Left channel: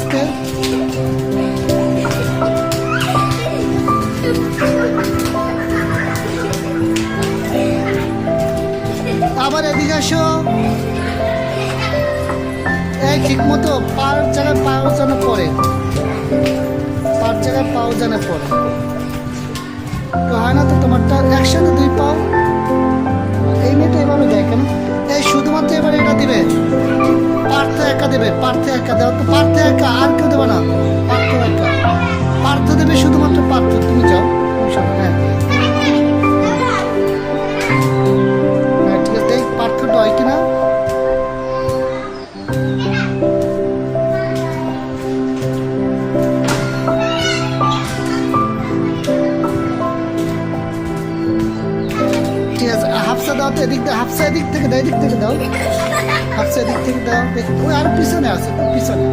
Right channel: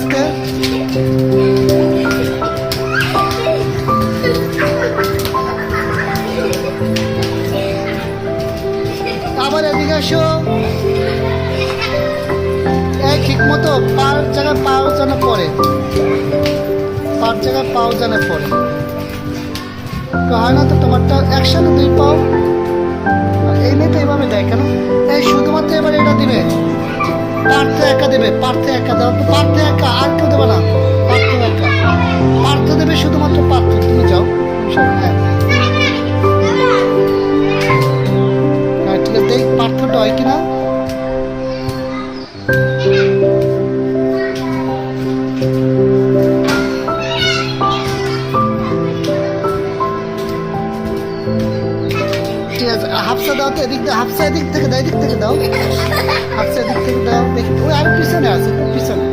আস্তে। আবার এদিকে এসো। এই ঠিক মতো পার জায়গায় পাও যেন পড়ে, পার জায়গায় পাও যেন পড়ে। তো হয় না তো তোমারটা একসাথে দুই পাও। এই মেয়েটা এভাবে দেয় কেন? এই শুধুমাত্র এবার এটা দিবে, পার্থ একা দেবে, পার্থ একা দেওয়া তো, পার্থ একা, আর কেউ দেবে না, পার্থ একা, পার্থ দেবে শুধুমাত্র পার্থ। তুমি যাও, হ্যাঁ হ্যাঁ ঠিক আছে, দেখ পার্থটা হয় কিনা। ঠিক আছে, হাফসা দাও তো, এদিক দাও, হাফসা এদিক থেকে দাও, এদিক থেকে দাও, হাফসা এদিক থেকে দাও। দেখি ওই আর পিছনে আছে, তো পিছনে।